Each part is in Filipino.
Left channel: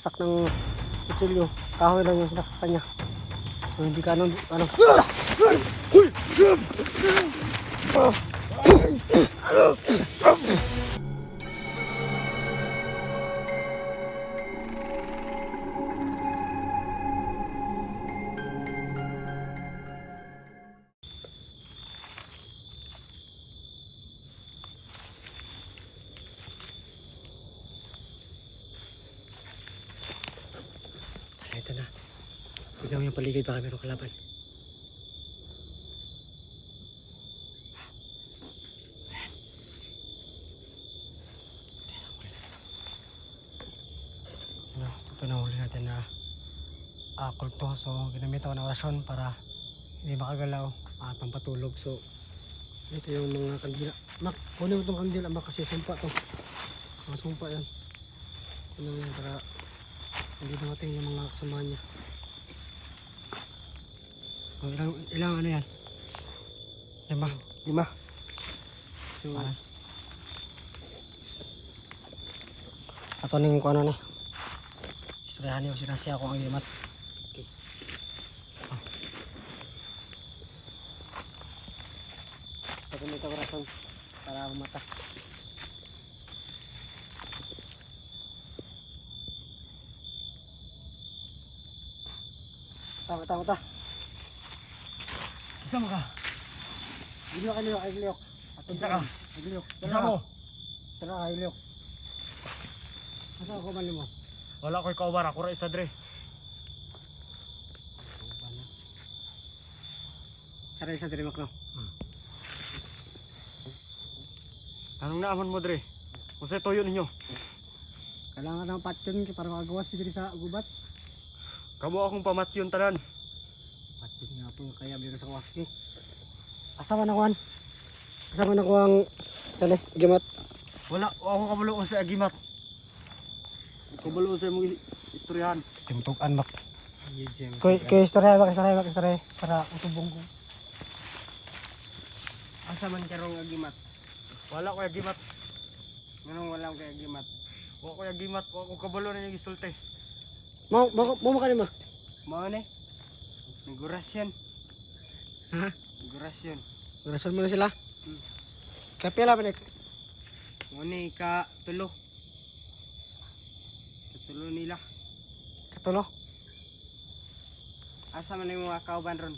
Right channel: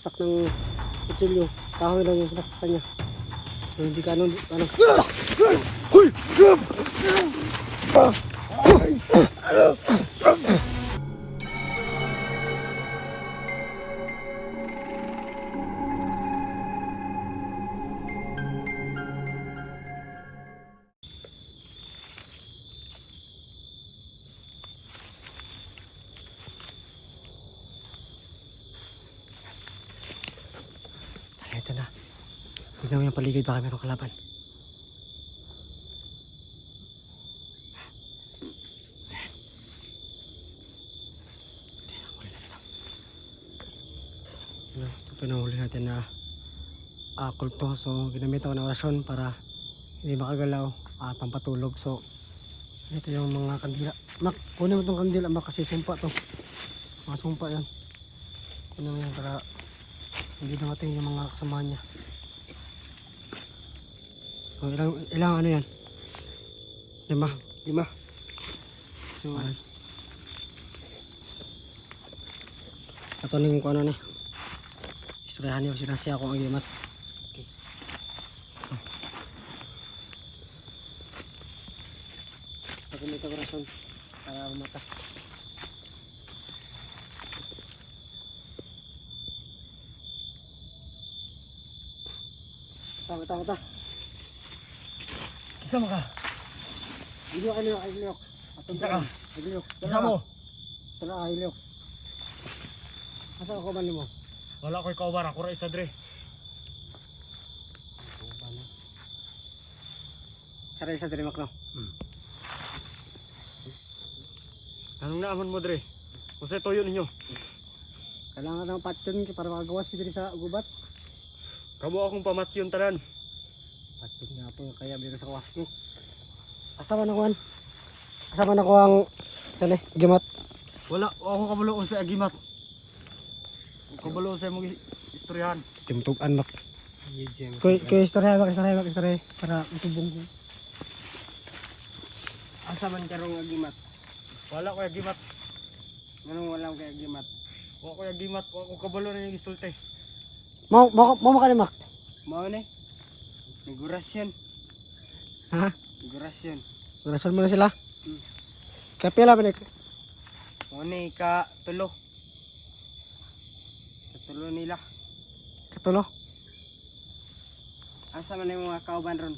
Sak ng kutsilyo, kahoy lang yung sinaksak niya. So hindi ka ano. Ito na. Tignan mo yung paligid, baka meron kalaban. Ito na huli natin na kulto. So ginamit ako ng orasyon para hindi makagalaw at pampatulog. So ito yung mga kandila. Mak, kunin mo itong kandila mak, kasi sumpa to. Mga sumpa yan. Kunin mo yan para hindi dumating yung mga kasamahan niya. So, ilang ano yan? 5. 5. So, ito na yung kung ano na. Istoryahan niyo, sinasya ako ang imat. Ito may kabrason para umata. Mata. Kisa mo ka? Iliyok. Kisa ka? Iliyok. Kisa mo? Tara, iliyok. Asa ako man mo? Wala ko'y kauban, ako ra isa dre. Tara isa diri makno. Anong naaman mo dre? Kung sa'yo toyo ninyo? Kailangan ng patyon para makagawas diri sa gubat. Kamo akong pamatyon tanan. Patyon nga po kaya bigay sa kawaski. Asa man ako an? Asa man ako ang gimat? Wala, ako kabulo sa agimat. Kabulo sa mong istoryahan. Timtugan mak. Kaya istorya para matubong ko. Asa man karong agimat? Wala ko agimat. Nganong walang kay agimat? Wala ko agimat, wala ko kabulo na yung isulti. Mau makalimak. Mao ni. Negurasyon. Ha? Negurasyon. Rason mo na sila. Hmm. Kaya pila balik. Mao ni ka tulo. Katulo nila. Katulo. Asa man yung mga kauban ron?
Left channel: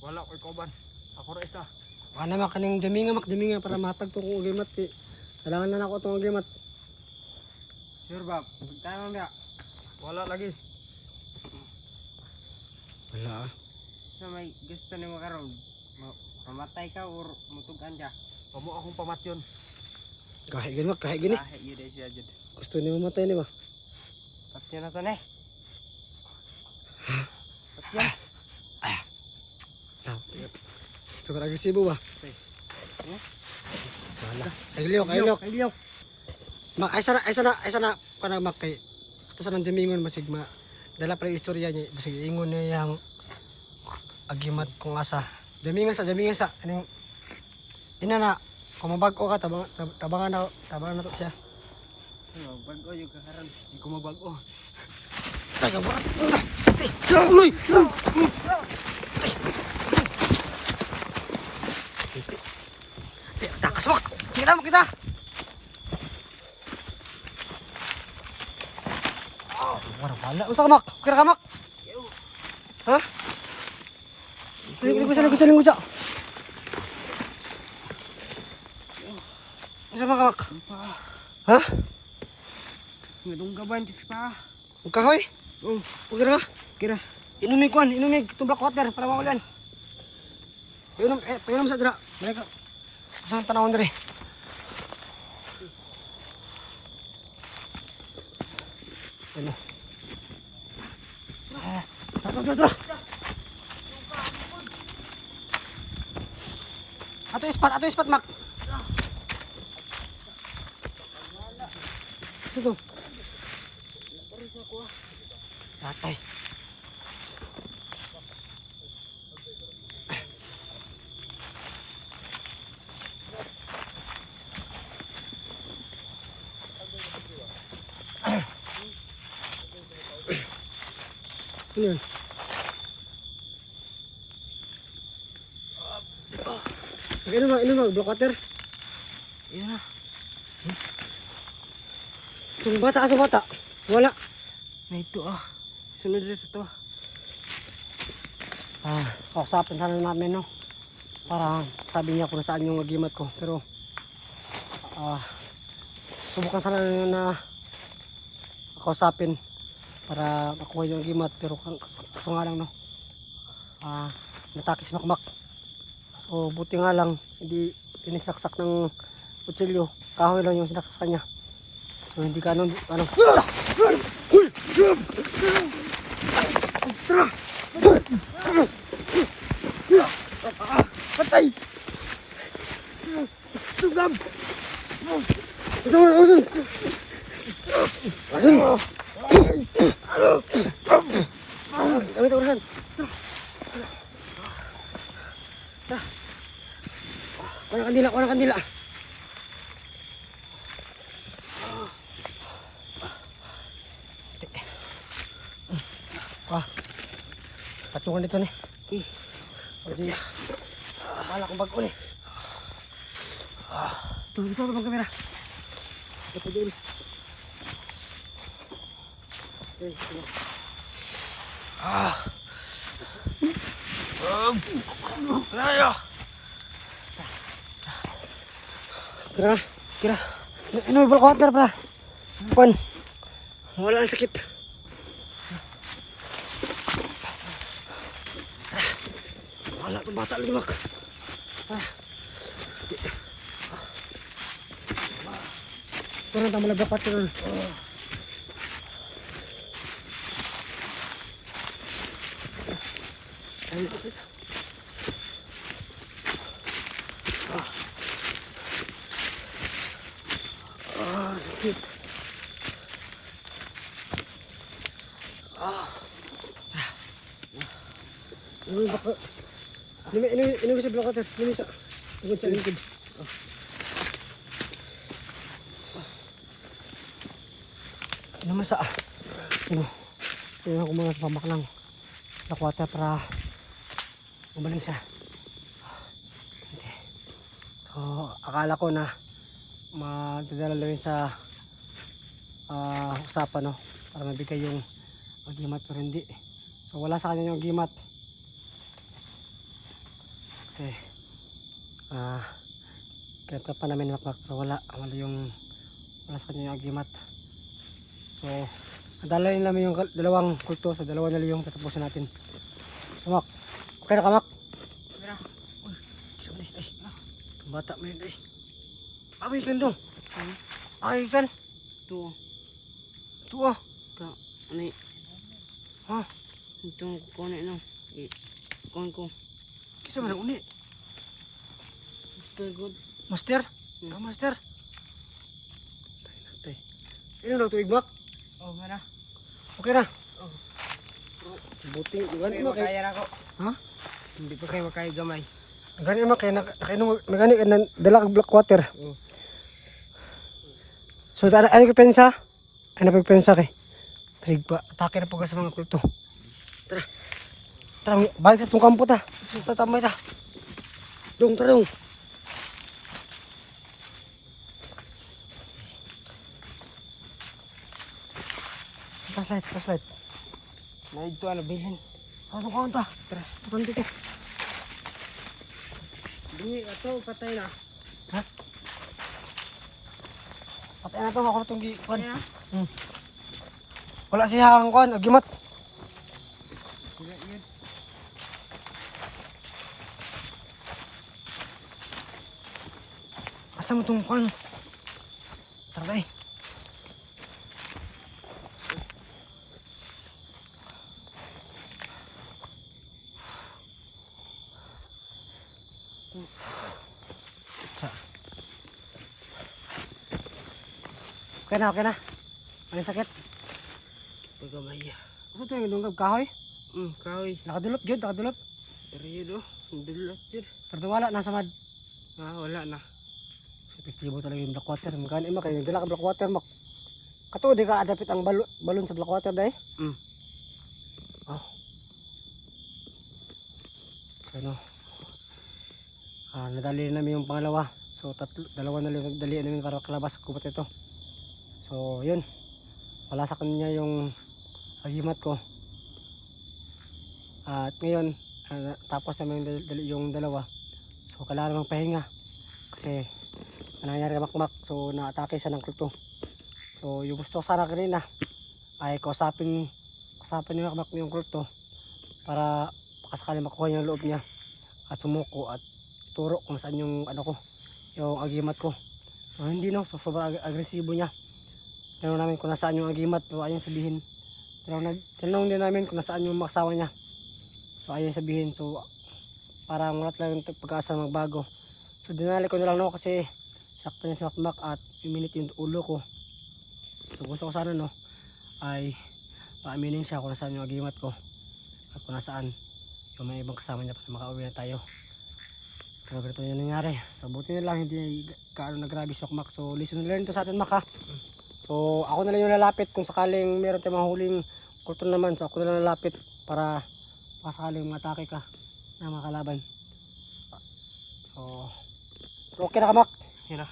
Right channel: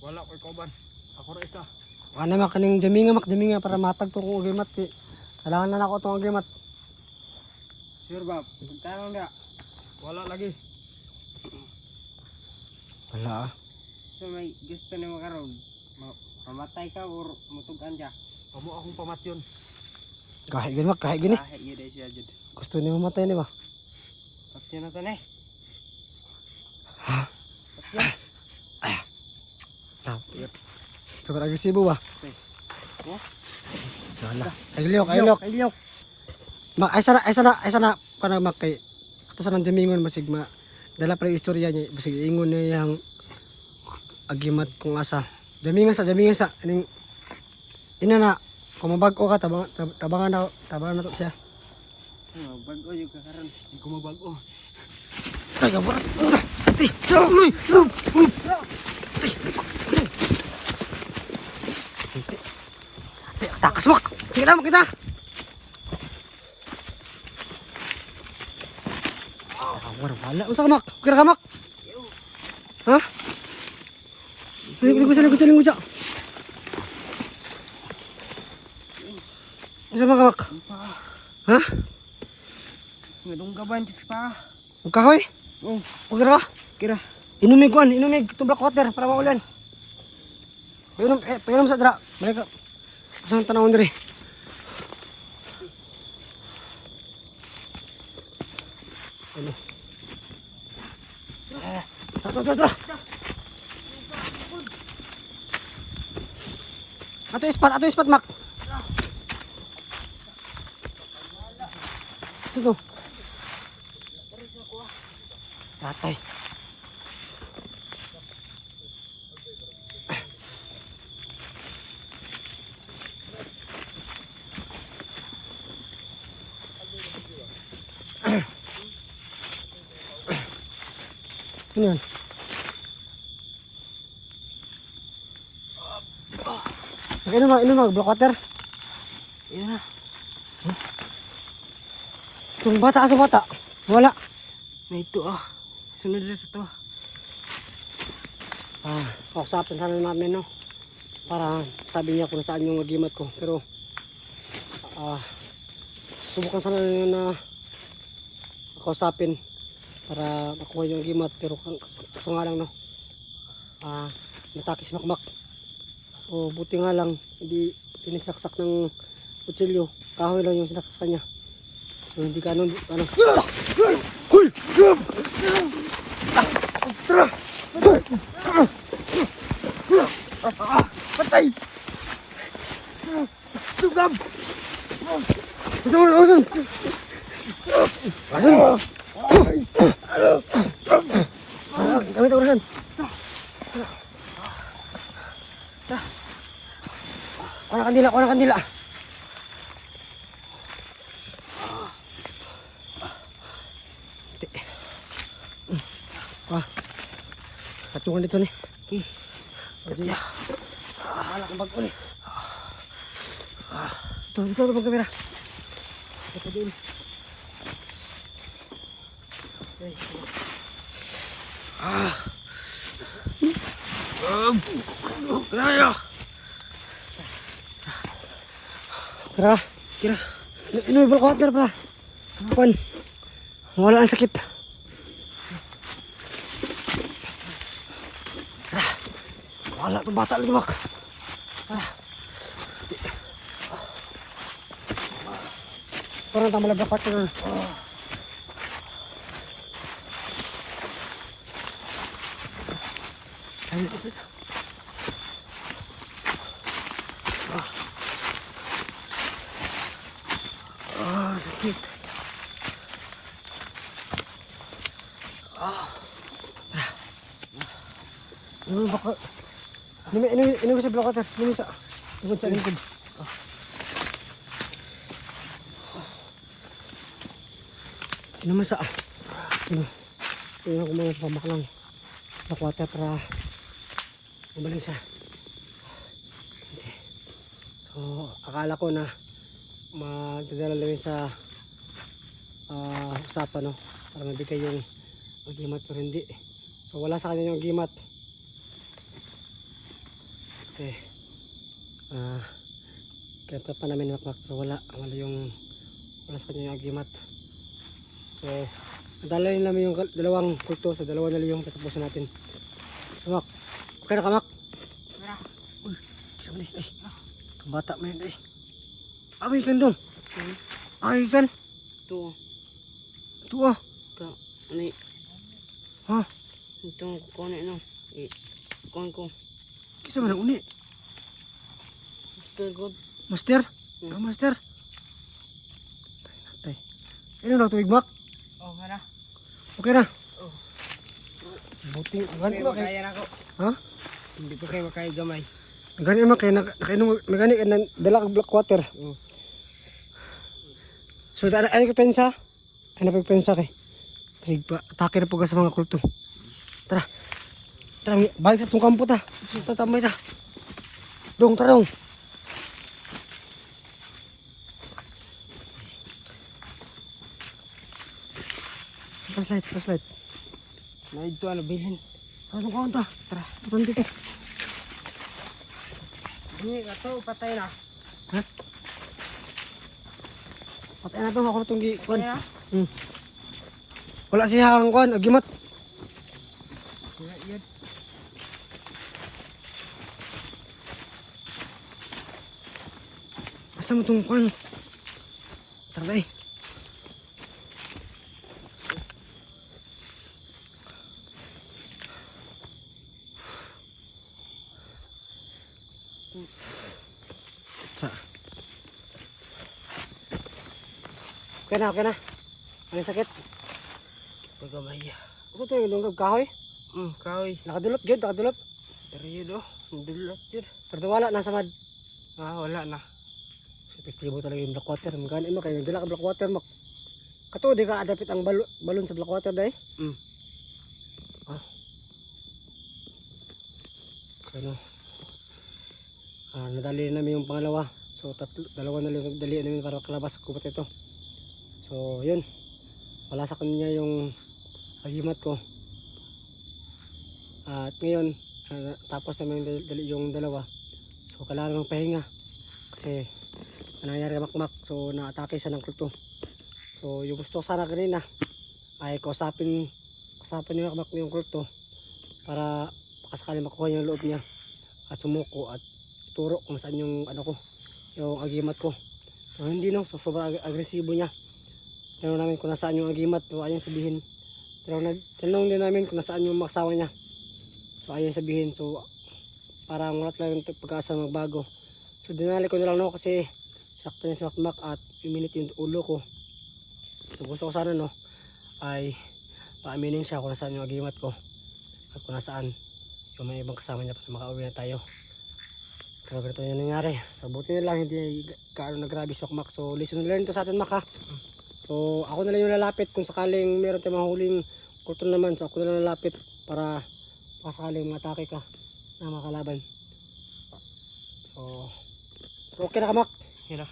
Wala ko'y kauban. Ako ra isa. Ano mak kaning jaminga para matag tong ugimat. Kailangan na ako tong ugimat. Sure ba? Tanong dia. Wala lagi. Wala. So may gusto nimo karon? Mamatay ka or mutugan ka? Kamo akong pamatyon. Kahit gini mak, kahit gini. Lahi yun siya jud. Gusto niyo matay ni ba? Patyo na to na. Ha? Patyo. Sobrang agresibo ba? Oh? Wala. Kailiyok. Mak, ay sana para makay. Ato sa nang jamingon masigma. Dala pa yung istorya niya, basig ingon niya yung agimat kung asa. Jamingan sa ining ina na kung mabag-o ka tabangan na to siya. Bago yung kakaroon. Hindi ko mabago. Taga ba? Takas mak. Kita. Wala. Unsa ka mak? Kira ka mak? Ha? Ligo sa. Unsa ka mak? Ha? Ngadunggaban pis pa. Ang kahoy? Oh, Kira. kira. Inumig tublak water para maulan. Painom sa dra. Mereka sang tanawon diri. Ano? Tato. Ato ispat mak. Situ. Tatay. Ano yun? Inom mag, black water. Yun na. Itong bata kasi bata. Wala. May ito ah. Sunod rin ito. Kausapin sana namin, no? Para sabi niya kung nasaan yung agimat ko. Pero, subukan sana na kausapin para makuha yung agimat. Pero kaso nga lang, no? Natakis makmak. So, buti nga lang, hindi inisaksak ng kutsilyo. Kahoy lang yung sinaksak kanya. So, hindi ka ano. Patay! Sugam! Asan! Kami tawaran. Kuha na kandila. Patungan dito nih. Balak ang bago nih. Dito bang kamera. Ito din. Kira. Ini balak kira. Bukan. Wala ang sakit. Wala itong bata lagi, Mak. Parang tama lang dapat yun. Sakit. Baka ini sa block atas, ini sa lingkod. Ini masa ini ko mga pamaklang block water para gumaling siya. So, akala ko na madadala lang sa usapan, no, para mabigay yung agimat, pero hindi. So wala sa kanya yung agimat. Kasi kaya pa namin makmak, pero wala sa kanya yung agimat. So nadala namin yung dalawang kulto, so dalawa na lang yung tatapusin natin. So Mak, okay na ka, Mak? Okay na. Uy, sabi ni, bata mo yun, away kan dong. Away kan. Ito. Ano yun? Ha? Itong kukunin no. Kukunin ko. Kisa man ang uni? Master God. Master? Master? Tay. Ano lang tuwig, Mak? Okay na. Okay na? Buti. Hindi Hindi pa makaya na ako. Ha? Hindi pa kayo makaya gamay. Nagani, Mak, kaya nagani ka ng dala kang black water. Oo. So, ano ka pensa? Ano pagpensa kay? Kasi atake na po ka sa mga kulto. Tara, balik sa itong kampo ta. Tatamay ta. Dong, tara dong. Flashlight. May ito na bilhin. Ano ka ta? Tara, patan dito. Hindi na to, patay na. Ha? Patay na to, ako na itong gikuan. Patay na? Wala siya ang kuan, agimat. Sila yun. Asa mo itong kuan? Tara na Okay na. Ano yung sakit? Pagkamay. Gusto ito yung lunggab kahoy? Kahoy. Nakadulot, nakadulot. Pero yun oh. Dulot yun. Pero wala, nasa mad. Wala na. Epektibo talaga yung black water. Magkano ima kayo, dala ka black water, Mak. Kato, di ka adapit ang balon sa black water, dahi? So ano, nadali namin yung pangalawa. So dalawa na lang dali namin para kalabas gubat ito. So yun, wala sa kanya yung agimat ko. At ngayon tapos naman yung dalawa. So kailangan ng pahinga kasi nangyari makmak. So naatake siya ng kulto. So yung gusto ko sana kanina ay kausapin ni makmak yung kulto para sakali makuha niya yung loob niya at sumuko at turo kung saan yung ano ko, yung agimat ko. So hindi no, so sobrang agresibo niya. Tanong namin kung nasaan yung agimat, pero ayun sabihin. Tanong din namin kung nasaan yung maksawa niya. So ayun sabihin, so parang wala talagang pag-asa magbago. So dinali ko na lang no kasi sakto niya si makmak at iminit yung ulo ko. So gusto ko sana no ay paaminin siya kung nasaan yung agimat ko at kung nasaan yung may ibang kasama niya para makauwi na tayo. Pero ganito yung nangyari. So buti na lang hindi kaano nagrabe si makmak. So lesson na rin ito sa atin mak ha. So ako na lang yung lalapit kung sakaling meron tayong mahuling kulto naman. So ako na lang lalapit para sakaling matake ka na makalaban. So okay na ka mak. Yun na.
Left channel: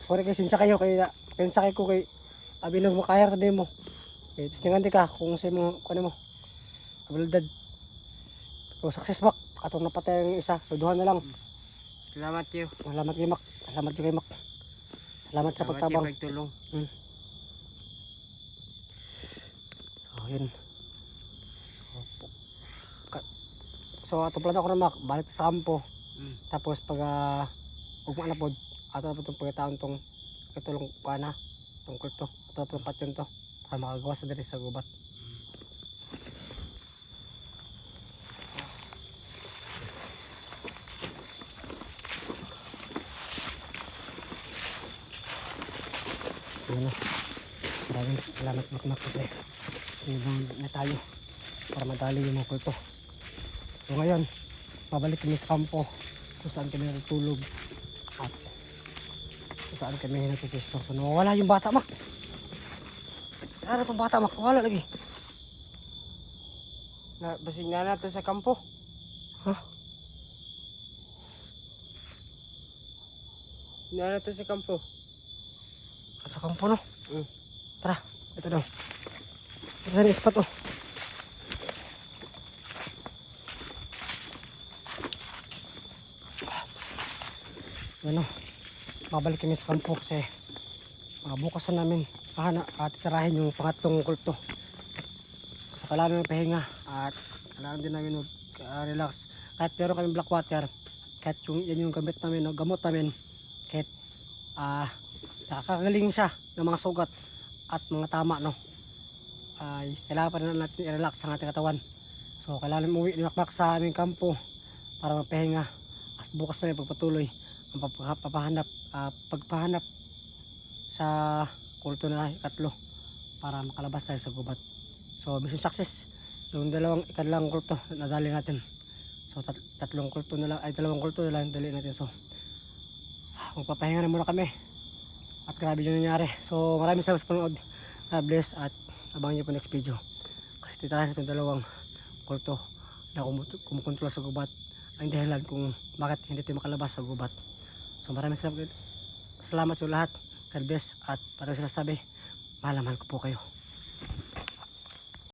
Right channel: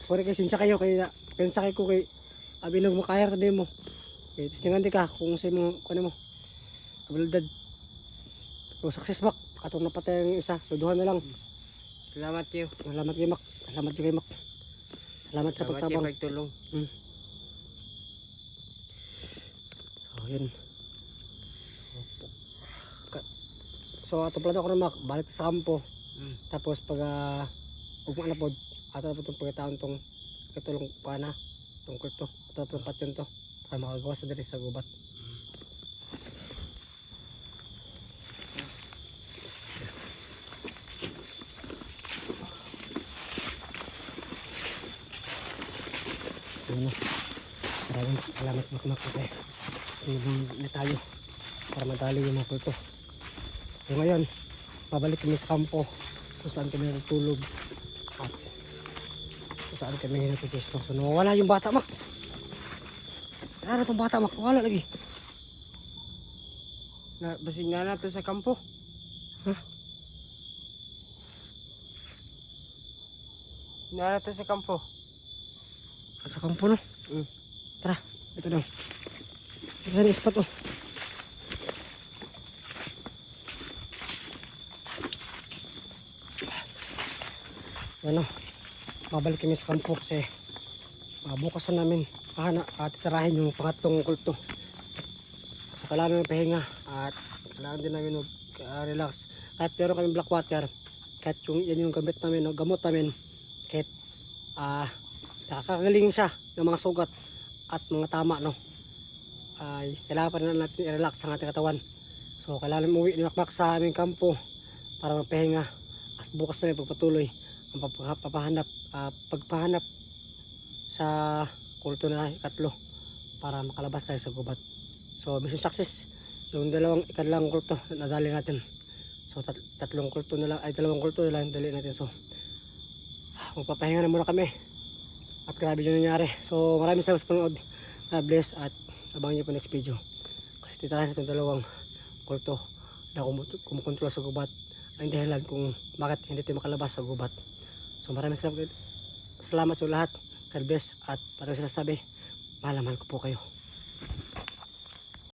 Sorry kay sinsya kayo kay pensa kay ko kay abinog mo kaya sa demo. Eh tistingan di ka kung sa mo kuno mo. Abilidad. So success mak. Atong napatay ang isa. So duha na lang. Salamat kayo. Salamat kay mak. Salamat kay mak. Salamat sa pagtabang. Pagtulong. So yun. So ato plano ko na mak. Balik sa kampo. Tapos pag ugma na pod ato na po itong pagkataon tong katulong pana tong kulto. Ato na patyon to. Para makagawa sa diri sa gubat. Maraming salamat makmak kasi tinulong na tayo para madali yung mga kulto. So ngayon babalik kami sa kampo kung saan kami natutulog at kung saan kami natutusto. So nawawala yung bata mak. Wala na itong bata mak. Wala lagi. Basig na nato sa kampo. Ha? Na nato sa kampo. Sa kampo no? Tara, ito daw. Ito sa spot oh. Ano, babalik kami sa kampo kasi bukas na namin titirahin yung pangatlong kulto. So kailangan ng pahinga at kailangan din namin mag-relax. Kahit meron kami black water, kahit yan yung gamot namin, kahit nakakagaling siya ng mga sugat at mga tama no, ay kailangan pa rin natin i-relax ang ating katawan. So kailangan umuwi ni makmak sa aming kampo para magpahinga at bukas na pagpatuloy ang pagpahanap sa kulto na ikatlo para makalabas tayo sa gubat. So mission success yung ikatlong kulto nadali natin. So dalawang kulto na lang dali natin. So magpapahinga na muna kami. At grabe yung nangyari. So maraming salamat sa panood. God bless at abangan nyo po next video. Kasi titirahin itong dalawang kulto na kumukontrol sa gubat. Ang dahilan kung bakit hindi tayo makalabas sa gubat. So maraming salamat sa lahat. God bless at parang sila sabi, mahal ko po kayo.